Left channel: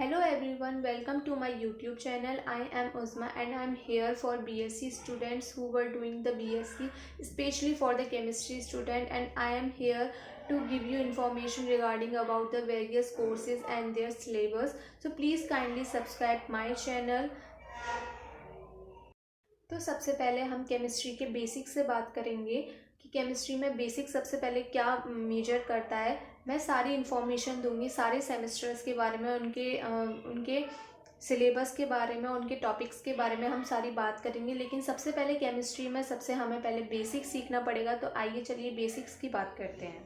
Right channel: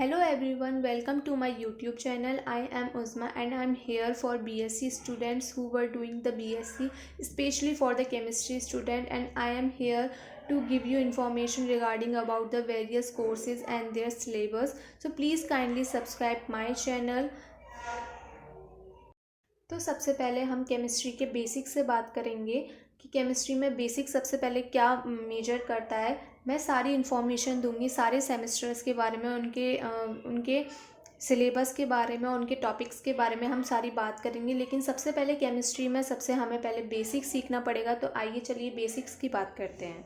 Hello everyone, welcome to my YouTube channel. I am Uzma and I am here for BSc students who were doing the BSc, especially for the chemistry student, and I am here to give you information regarding about the various courses and their syllabus. So please kindly subscribe my channel. तो सबसे पहले हम chemistry के basic से बात करेंगे कि chemistry में बेसिक सबसे पहले क्या मेजर करता है। मैं सारी इन्फॉर्मेशन दूंगी सारे सेमेस्टर्स के बारे में, उनके सिलेबस के बारे में, उनके टॉपिक्स के बारे में हम सारी बात करेंगे। लेकिन सबसे पहले केमिस्ट्री में सबसे हमें पहले बेसिक सीखना पड़ेगा। तो आइए चलिए बेसिक्स की बात करते हैं।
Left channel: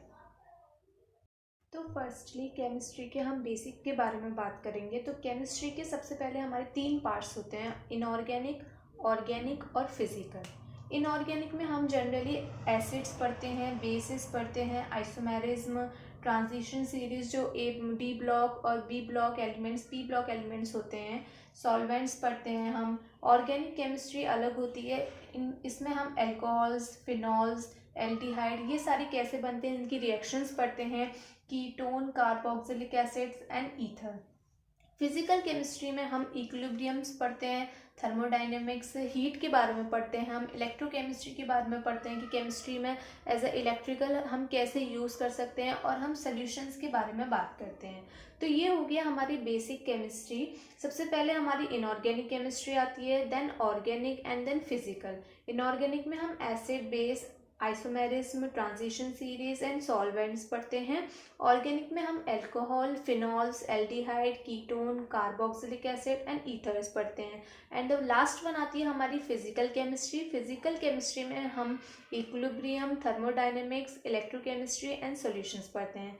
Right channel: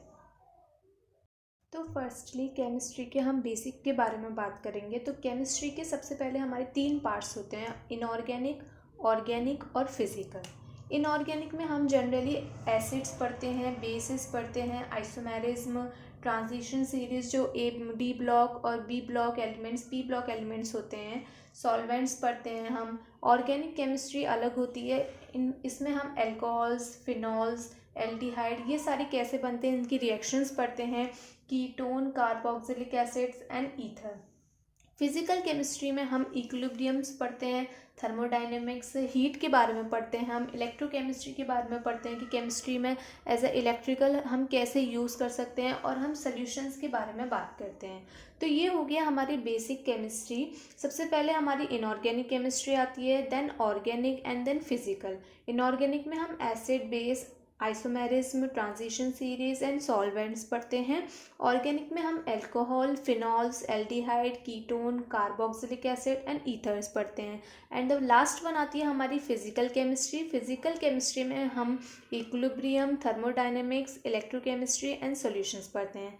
तो फर्स्टली केमिस्ट्री के हम बेसिक के बारे में बात करेंगे। तो केमिस्ट्री के सबसे पहले हमारे 3 पार्ट्स होते हैं, इनऑर्गेनिक, ऑर्गेनिक और फिजिकल। इनऑर्गेनिक में हम जनरली एसिड्स पढ़ते हैं, बेसिस पढ़ते हैं, आइसोमेरिज्म, ट्रांजिशन सीरीज जो डी ब्लॉक और बी ब्लॉक एलिमेंट्स होते हैं, सॉल्वेंट्स पढ़ते हैं हम। ऑर्गेनिक केमिस्ट्री अलग होती है, इसमें हम एल्कोहल्स, फिनॉल्स, एल्डिहाइड ये सारे कैसे बनते हैं इनकी रिएक्शंस पढ़ते हैं, ketone, carboxylic acids and ether. Physical chemistry में हम इक्विलिब्रियम्स पढ़ते हैं, थर्मोडायनेमिक्स, हीट के बारे में पढ़ते हैं हम, इलेक्ट्रोकेमिस्ट्री के बारे में पढ़ते हैं कि केमिस्ट्री में एज ए इलेक्ट्रिकल हम कैसे यूज़ कर सकते हैं, और हम सॉल्यूशंस के बारे में बात करते हैं। तो ये हो गया हमारी बेसिक केमिस्ट्री। सबसे पहले हमारी इनऑर्गेनिक केमिस्ट्री आती है, then organic and then physical. Inorganic में हम acid, base, isomerism, transition series and solvents पढ़ते हैं। ऑर्गेनिक में हम alcohol, phenols, aldehyde, ketone, carboxylic acid and ethers पढ़ते हैं। एंड द लास्ट वन आती है हमारी फिजिकल केमिस्ट्री। फिजिकल केमिस्ट्री में हम equilibrium, thermodynamics, electrochemistry and solutions पढ़ते हैं।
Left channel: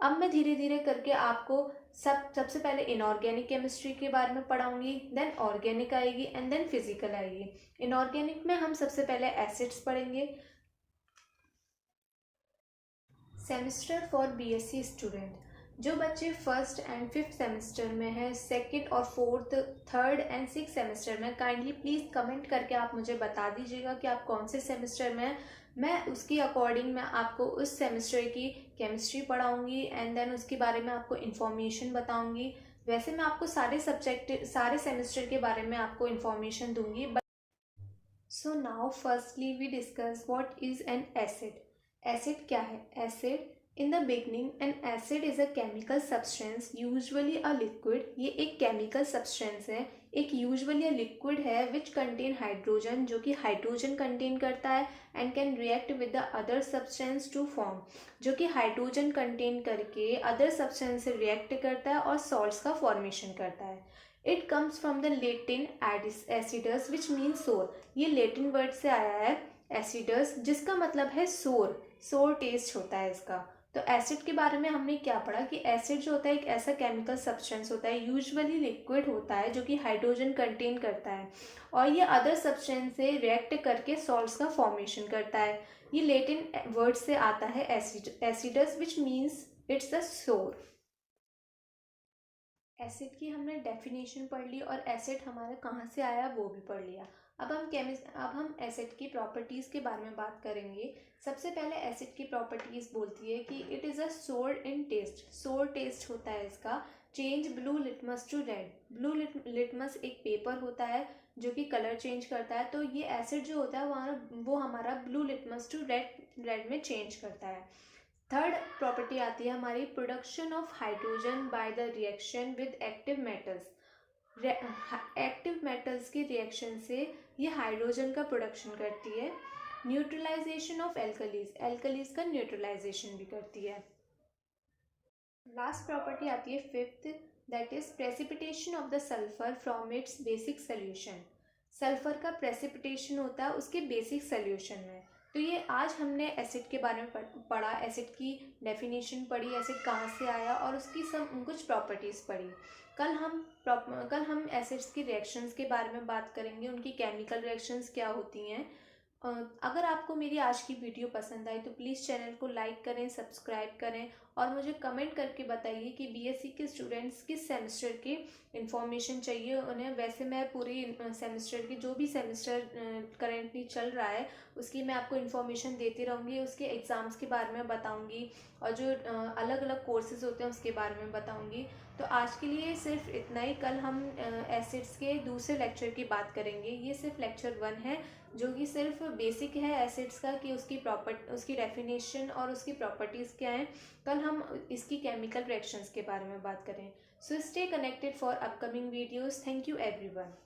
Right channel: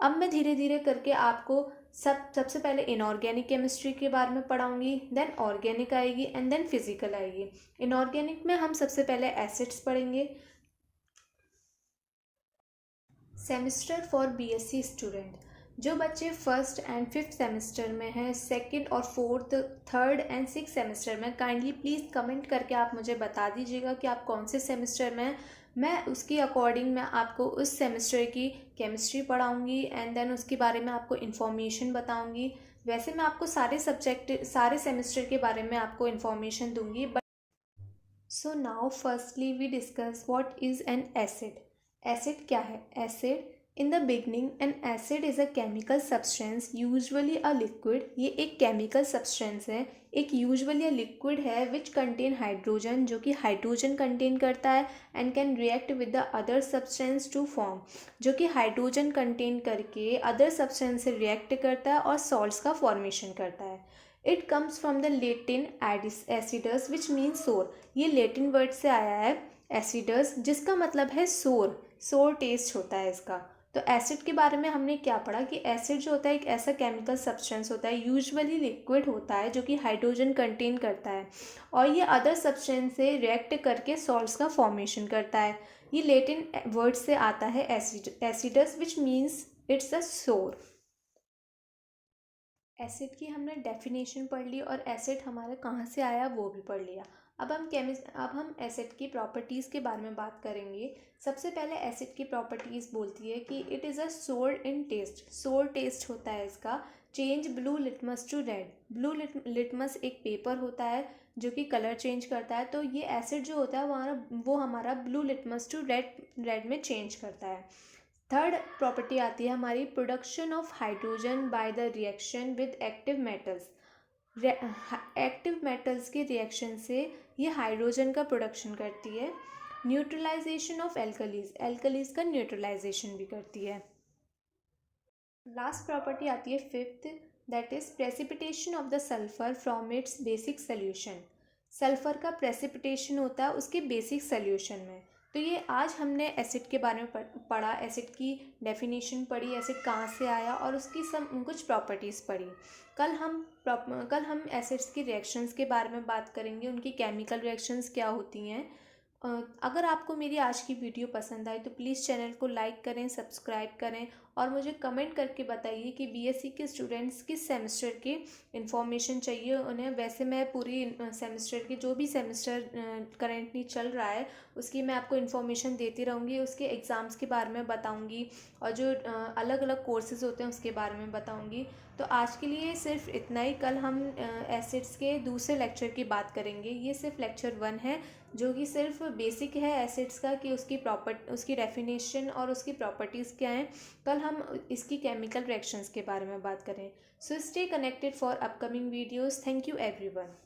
अब मैं धीरे धीरे करके आपको सबसे पहले इनऑर्गेनिक केमिस्ट्री के बारे में पढ़ाऊंगी, देन ऑर्गेनिक आएगी एंड देन फिजिकल आएगी। इनऑर्गेनिक में हम सबसे पहले एसिड्स पढ़ेंगे। सेमेस्टर फॉर बीएससी स्टूडेंट, जो बच्चे फर्स्ट एंड फिफ्थ सेमेस्टर में हैं, सेकंड और fourth, third and six semester में, काइंडली प्लीज़ कमेंट करके आप मुझे बता दीजिएगा कि आप कौन से सेमेस्टर में हैं। मैं उसकी अकॉर्डिंग मैं आपको उस सेमेस्टर की केमिस्ट्री पढ़ाऊँगी एंड देन उसके बारे में आपको इन्फॉर्मेशन बताऊँगी। वैसे मैं आपको सारे सेमेस्टर के बारे में आपको इन्फॉर्मेशन दूँगी। So now firstly we discuss what is an acid. Acid क्या है? Acid in the beginning an acid is a chemical substance, usually a liquid. ये एक केमिकल सब्सटेंस है, एक यूजुअली अ लिक्विड है विच कंटेन हाइड्रोजन, जो कि hydrogen contain करता है, and can react with the other substance to form, जो कि हाइड्रोजन कंटेन करके अदर सब्सटेंस से रिएक्ट करता है और सॉल्ट्स का फॉर्मेशन करता है। It comes from the Latin acidus which means sour. ये लेटिन वर्ड से आया है एसिडस, जिसका मतलब है सोर। सोर टेस्ट होता है इसका। तो एसिड के बारे में हमने क्या पढ़ा कि एसिड जो होता है एक ऐसा केमिकल सब्सटेंस होता है, यूजुअली लिक्विड होता है, जो कि हाइड्रोजन कंटेन करता है और ये अदर सब्सटेंस से रिएक्ट करके सॉल्ट्स का फॉर्मेशन करता है। ये लेटिन वर्ड से आता है acidus which means it's a सोर। एसिड की हमने डेफिनेशन पढ़ ली और एसिड हमारा कहाँ से आया वो भी पढ़ लिया। अब हम एसिड की प्रॉपर्टीज़ के बारे में बात करेंगे। सबसे पहले एसिड की प्रॉपर्टीज़ बोलती है कि इट इज़ अ सोर इन टेस्ट। सोर टेस्ट होता है इसका। Change blue litmus to red. Blue litmus एक पेपर होता है जो कि कलर चेंज करता है। तो ये एसिड जो होता है वो हमारा ब्लू लिटमस टू रेड में चेंज करता है। थर्ड प्रॉपर्टी आती है हमारी production of hydrogen by the reaction with active metals. Active metals की रिएक्शन से ये हाइड्रोजन का प्रोडक्शन करती है। न्यूट्रलाइजेशन ऑफ एल्कलीज, एल्कलीज का न्यूट्रलाइजेशन भी करती है। लास्ट प्रॉपर्टी आती है fifth, that is precipitation of the sulphur from its basic solution. Sulphur का प्रेसिपिटेशन होता है उसके बेसिक सोल्यूशन में। तो ये आज हमने एसिड के बारे में पढ़ा, एसिड की डेफिनेशन पढ़ी, एसिड कहाँ से आया और उसकी सब कुछ प्रॉपर्टीज़ पढ़ी। कल हम एसिड्स की रिएक्शंस के बारे में बात करेंगे, उनकी केमिकल रिएक्शंस क्या होती हैं। अगर आपको मेरी आज की वीडियो पसंद आई तो प्लीज़ चैनल को लाइक करें, सब्सक्राइब करें और मुझे कमेंट करके बताइए कि बीएससी के स्टूडेंट्स किस सेमेस्टर की इन्फॉर्मेशन चाहिए उन्हें। वैसे मैं पूरी सेमेस्टर की जो भी सेमेस्टर करेंटली चल रहा है उसकी मैं आपको इन्फॉर्मेशन देती रहूँगी, उसके एग्ज़ाम्स के बारे में बताऊँगी और जो अलग अलग कोर्सेज़ होते हैं उसके बारे में बताऊँगी। तो आज के लिए सिर्फ इतना ही। कल हम एसिड्स के दूसरे लेक्चर की बात करेंगे। ये सिर्फ लेक्चर 1 है जो कि सिर्फ बेसिक है एसिड्स का, कि उसकी डेफिनेशन और उसकी प्रॉपर्टीज़ क्या हैं। कल हम इसकी केमिकल रिएक्शंस के बारे में बात करें। So stay connected for upcoming videos. Thank you everyone.